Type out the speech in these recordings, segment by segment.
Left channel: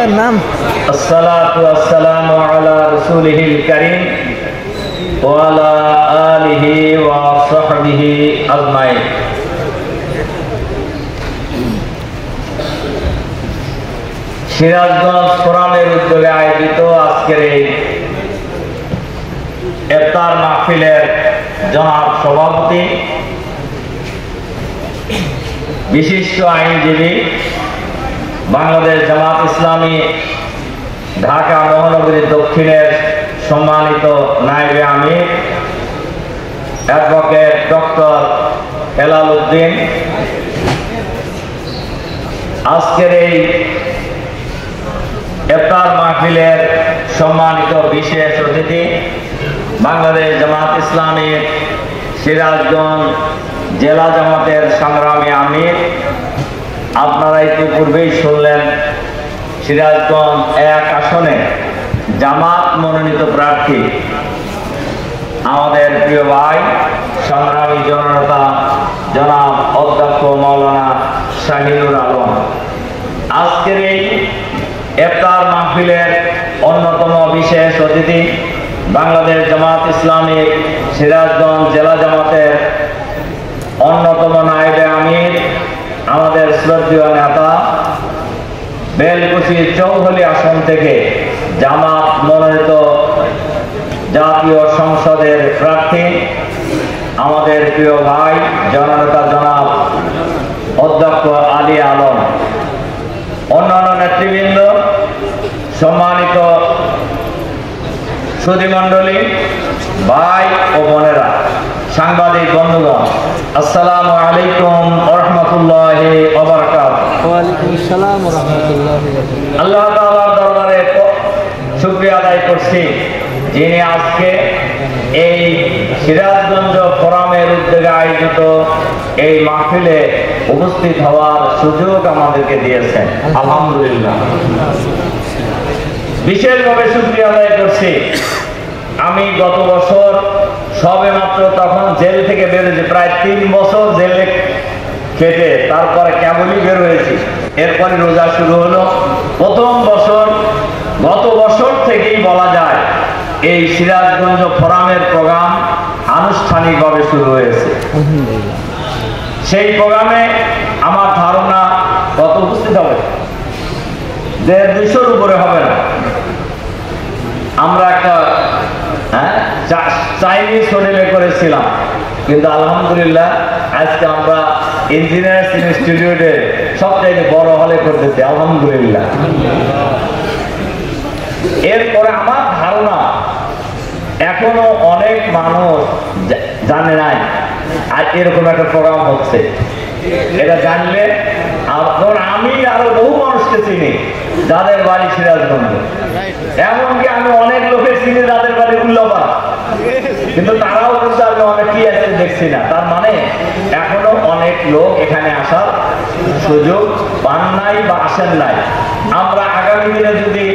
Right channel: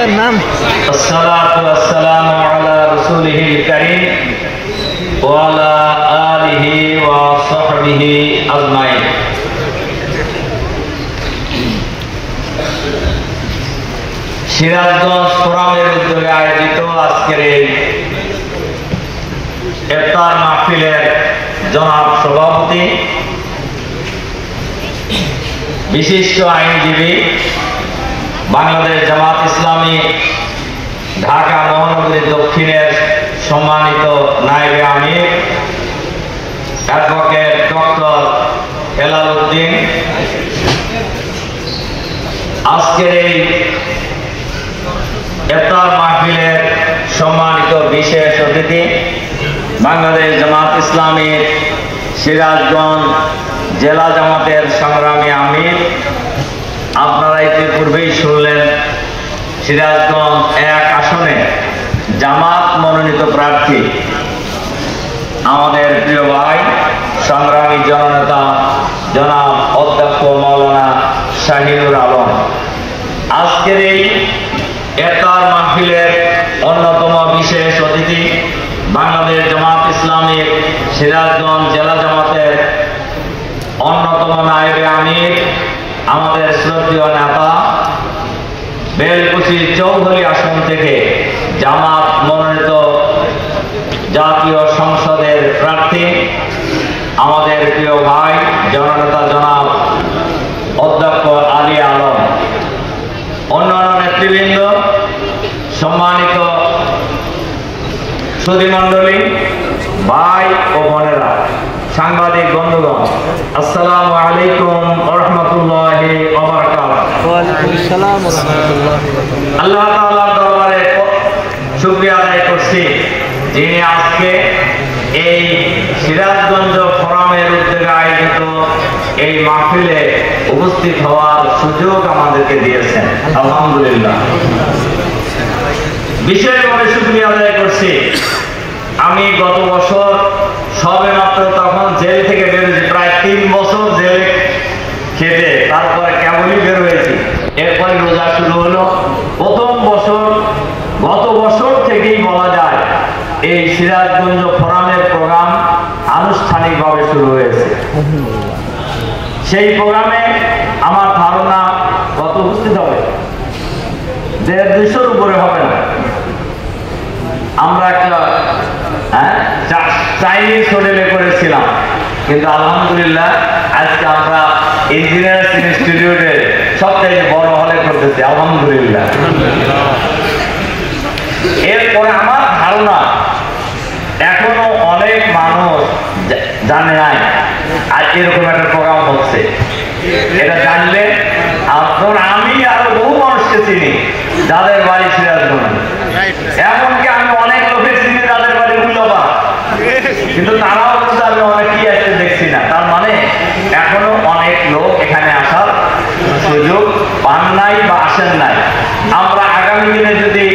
নাম আসসালাতু ওয়াসসালামু আলা রাসূলিহিল কারীম ওয়া আলা আলিহি ওয়া সাহবিহি আজমাইন। সিরাজগঞ্জ ফোরামের উদ্যোগে আয়োজিত আজকের এই ইফতার মাহফিলের জনাব সভাপতি, বিশিষ্ট আইনজীবী, বাংলাদেশ জামাত ইসলামী ঢাকা মহানগরী দক্ষিণের সম্মানিত নায়েবে আমির অ্যাডভোকেট ডক্টর হেলাল উদ্দিন, আজকের এই ইফতার মাহফিলের সম্মানিত বিশেষ অতিথি, বাংলাদেশ জামাত ইসলামী সিরাজগঞ্জ জেলা জামাতের সংগ্রামী আমির। আপনারা ইতিপূর্বেই শুনলেন সিরাজগঞ্জ 1 আসনে জামাত মনোনীত প্রার্থী আমাদের প্রিয় ভাই সংগ্রামী জননেতা জনাব অধ্যক্ষ মাওলানা শাহিনুর আলম। আজকের এই ইফতার মাহফিলের অন্যতম বিশেষ অতিথি, বাংলাদেশ জামাত ইসলামী সিরাজগঞ্জ জেলা জামাতের অন্যতম নায়েবে আমির, আমাদের শ্রদ্ধেয় নেতা, বেলকুচি চৌধুরী আসন থেকে জামাত মনোনীত জাতীয় সংসদের প্রার্থী আমাদের প্রিয় ভাই জননেতা জনাব অধ্যক্ষ আলী আলম, অন্যান্য নেতৃবৃন্দ, সম্মানিত সুধীমণ্ডলী, ভাই ও বোনেরা, সাংবাদিক বন্ধুগণ, আসসালামু আলাইকুম ওয়া রাহমাতুল্লাহি ওয়া বারাকাতুহু। ওয়া আলাইকুম আসসালাম ওয়া রাহমাতুল্লাহি ওয়া বারাকাতুহু। আল্লাহ তাআলার দরবারে শুকরিয়া আদায় করছি, যিনি আজকে এই সিরাজগঞ্জ ফোরামের উদ্যোগে আয়োজিত এই মাহফিলে উপস্থিত হওয়ার সুযোগ আমাদেরকে দিয়েছেন। আলহামদুলিল্লাহ, বিশেষভাবে শুকরিয়া আদায় করছি। আমি গত বছর সবে মাত্র তখন জেল থেকে বেরোছি, প্রায় 3 বছর জেলে খেটে তারপরে কেবলই বের হয়েছি। এরপরে রোজা শুরু হলো। প্রথম বছর, গত বছর থেকেই বলা যায় এই সিরাজগঞ্জ ফোরামের প্রোগ্রাম আনুষ্ঠানিকভাবে শুরু হয়েছে। সেই প্রোগ্রামে আমার ধারণা কত উপস্থিত হবে, 150-200-র উপরে হবে না। আমরা একটা চাইনিজ হোটেলে করেছিলাম, কিন্তু আলহামদুলিল্লাহ আজকে আমরা ইঞ্জিনিয়ার্স ইনস্টিটিউটে সবচেয়ে বড় হলে করতেছি। আলহামদুলিল্লাহ। এরপরে আমার ধারণা এখনো অনেক মানুষ জানে নাই আর এরকম একটা প্রোগ্রাম হচ্ছে। এটা জানলে আপনার, আমি আরো বহু মানুষকে চিনি যাদের বাড়ি সিরাজগঞ্জ, এমনকি আমি অনেক লোকের চিনি যাদের বাড়ি উল্লাপা, কিন্তু তারাও কিন্তু আমি অনেকেই আসতে দেখছি না। তার মানে এখনো অনেক লোক এখানে আসার সুযোগ পান নাই বা আসেন নাই। আমরা আগামী দিনে যদি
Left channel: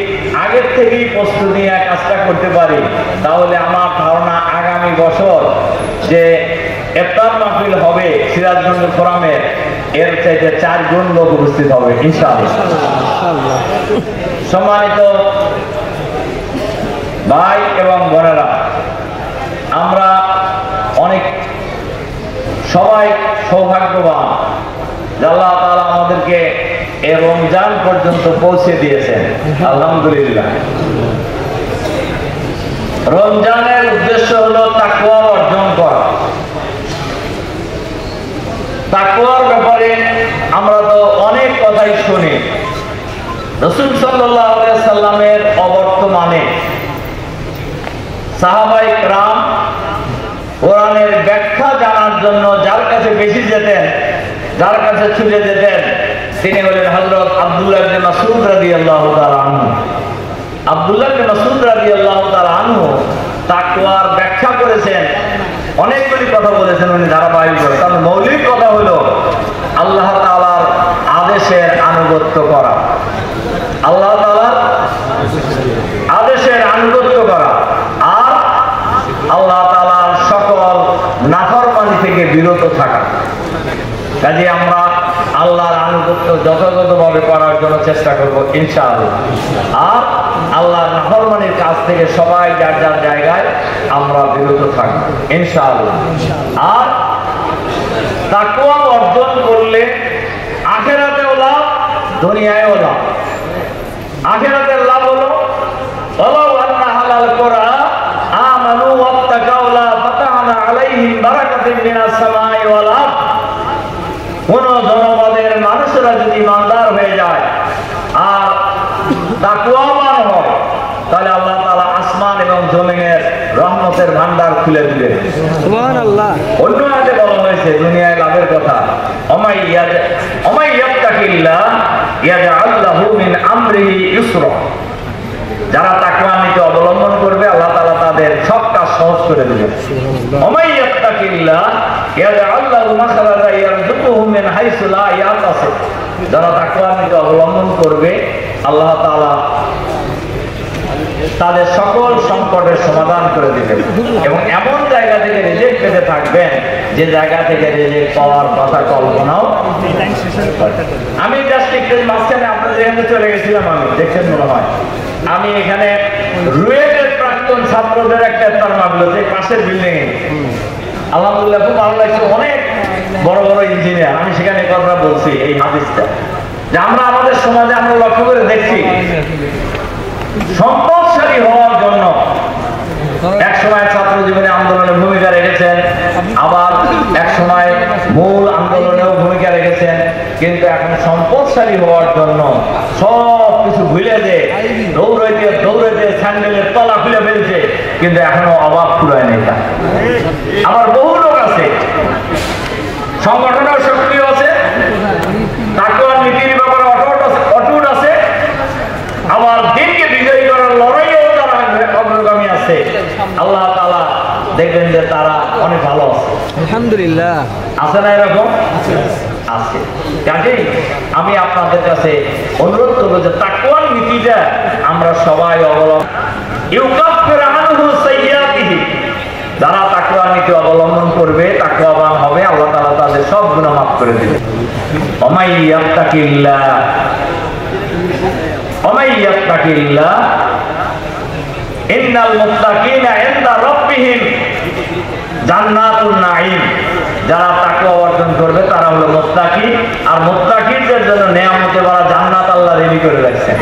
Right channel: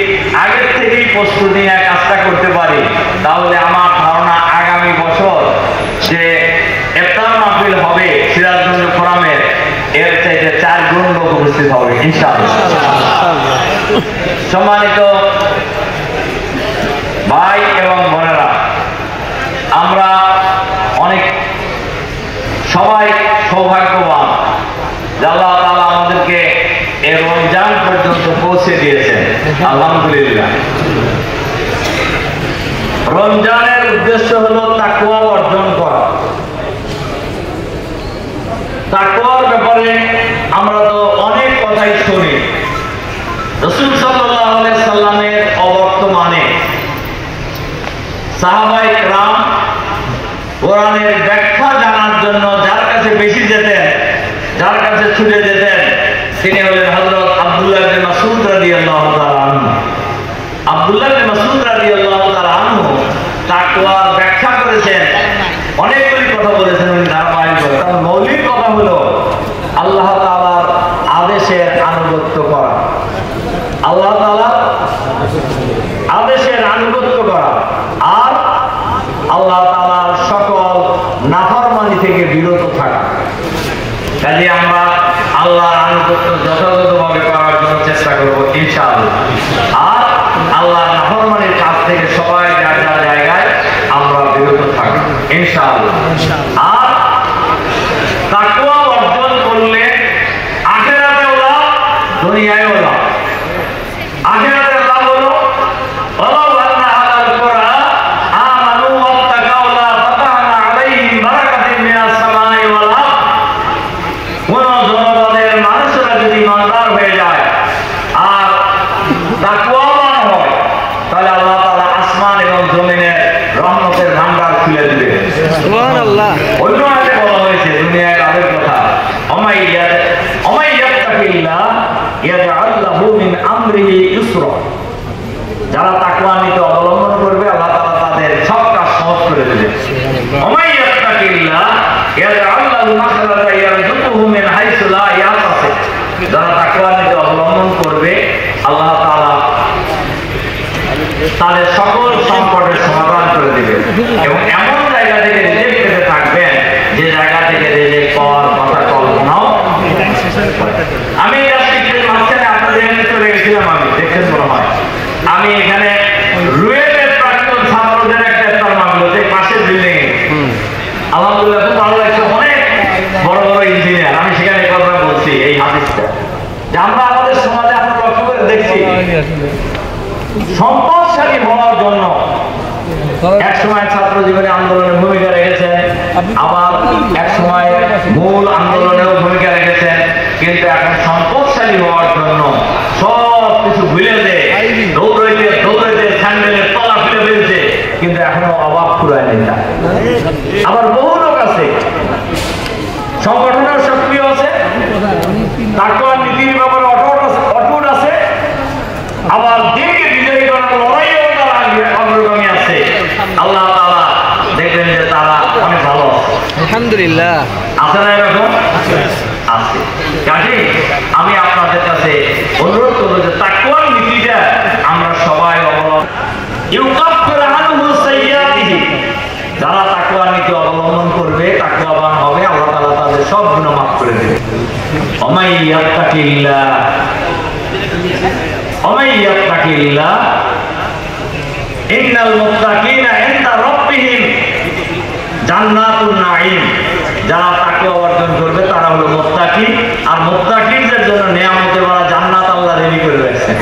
আগের থেকেই প্রস্তুতি নিয়ে কাজটা করতে পারি, তাহলে আমার ধারণা আগামী বছর যে ইফতার মাহফিল হবে সিরাজগঞ্জ ফোরামের, এর চাইতে 4 গুণ লোক উপস্থিত হবে ইনশাআল্লাহ। সম্মানিত ভাই এবং বোনেরা, আমরা অনেক সবাই সৌভাগ্যবান, আল্লাহ তাআলা আমাদেরকে এই রমজান পর্যন্ত পৌঁছে দিয়েছেন। আলহামদুলিল্লাহ। রমজানের উদ্দেশ্য হলো তাকওয়া অর্জন করা। তাকওয়ার ব্যাপারে আমরা তো অনেক কথাই শুনি। রাসূল সাল্লাল্লাহু আলাইহি সাল্লামের অবর্তমানে সাহাবায়ে কেরাম কোরআনের ব্যাখ্যা জানার জন্য যার কাছে বেশি যেতেন, যার কাছে ছুটে যেতেন, তিনি হলেন হযরত আব্দুল্লাহ ইবনে মাসউদ রাদিয়াল্লাহু তাআলা আনহু। আব্দুল্লাহ ইবনে মাসউদ রাদিয়াল্লাহু তাআলা আনহু তাকওয়ার ব্যাখ্যা করেছেন, অনেকগুলি কথা বলেছেন উনি ধারাবাহিকভাবে। তার মৌলিক কথা হলো আল্লাহ তাআলার আদেশের আনুগত্য করা, আল্লাহ তাআলার আদেশের আনুগত্য করা, আর আল্লাহ তাআলার সকল নাফরমানি থেকে বিরত থাকা। কাজে আমরা আল্লাহর আনুগত্য যথাযথভাবে করার জন্য চেষ্টা করবো ইনশাআল্লাহ। আর আল্লাহর নাফরমানির কাছ থেকে সবাই যার যার জায়গায় আমরা বিরত থাকবো ইনশাআল্লাহ। আর তাকওয়া অর্জন করলে আখিরাতেও লাভ, দুনিয়ায়ও লাভ। আখিরাতের লাভ হলো ওয়ালাউ আন্না আহলাল কুরআ আমানু ওয়াত্তাকাউ লা ফাতাহনা আলাইহিম বারাকাতিন মিনাস সামাই ওয়াল আরদ। কোন জনপদের মানুষরা যদি ইমানদার হয়ে যায় আর তাকওয়াবান হয়, তাহলে আল্লাহ তাআলা আসমান এবং জমিনের রহমতের ভান্ডার খুলে দিবেন। সুবহানাল্লাহ। অন্য আয়াতে বলা হয়েছে দুনিয়ায় লাভের কথা, ওমাই ইয়াত্তাকিল্লাহ ইয়াজআল লাহু মিন আমরিহি ইউসরা। যারা তাকওয়া নীতি অবলম্বন করবে আল্লাহ তাআলা তাদের সব কাজ সহজ করে দিবেন। ওমাই ইয়াত্তাকিল্লাহ ইয়াজআল লাহু মাখরাজা ইয়ারযুকুহু মিন হাইসু লা ইয়াহতাসিব। যারা তাকওয়া নীতি অবলম্বন করবে আল্লাহ তাআলা তাদের সকল সংকটের সমাধান করে দিবেন এবং এমন জায়গা থেকে রিজিক পেতে থাকবেন যে জায়গা থেকে রিজিক পাওয়ার কথা কল্পনাও। আমি জাস্ট একটু মাঝখানে আপনাদের এখানে চলে গেছিলাম, আমি দেখছেন মনে হয়, আমি এখানে রুয়েলের প্রাক্তন ছাত্রদের একটা তরমাগুলো যে পাশের বিল্ডিং এ আলহামদুলিল্লাহ খুব ভালো লাগছে, অনেক বড় বড় ইঞ্জিনিয়ার। আমি সেখানে কথা বলছি এই হাদিসটা যে আমরা আমাদের সমাজে আমরা লক্ষ্য করে দেখছি সম্পদশালী হওয়ার জন্য এক সময় ছাত্র জীবনে আন্দোলনের ভূমিকা রেখেছেন, আবার এক সময় মূল আন্দোলনেও ভূমিকা রেখেছেন, কিন্তু এখন সম্পদশালী হওয়ার জন্য সব কিছু ভুলে দেয়, দৌড়াইতে দৌড়াইতে স্যান্ডেলের তলা খুলে ফেলছে, কিন্তু এখনো অভাব পুরায় নেই। আবার বহু লোক আছে সংগঠনের সক্রিয় আছে, তারপর নীতির ব্যাপারে অটুট আছে, আবার দিনকে বিজয়ী করার লড়াইও তারা অগ্রগামী আছে। আল্লাহ তাআলা দেখবেন যে তারা অনেক ভালো আছে, আলহামদুলিল্লাহ। আছে না এরকম? আছে। কাজেই আমি আপনাদের কাছে অনুরোধ করবো যে তাকওয়ার নীতিটা আমরা সবাই অবলম্বন। ইউকাফিরু আনহু সাইয়্যাতিহি। যারা তাকওয়ার নীতি অবলম্বন করবে, তাকওয়াবান হবে, আল্লাহ তাআলা তাদের সব গুনাহ মাফ করে দেবে। ওমাই ইয়াত্তাকিল্লাহ ইন্নাল মুত্তাকিনা ইনদা রাব্বিহিম জান্নাতুন নাঈম। যারা তাকওয়া অর্জন করবে তারা হলো মুত্তাকি, আর মুত্তাকিদের জন্য নেয়ামতে ভরা জান্নাত আল্লাহ রেডি করে রাখছেন।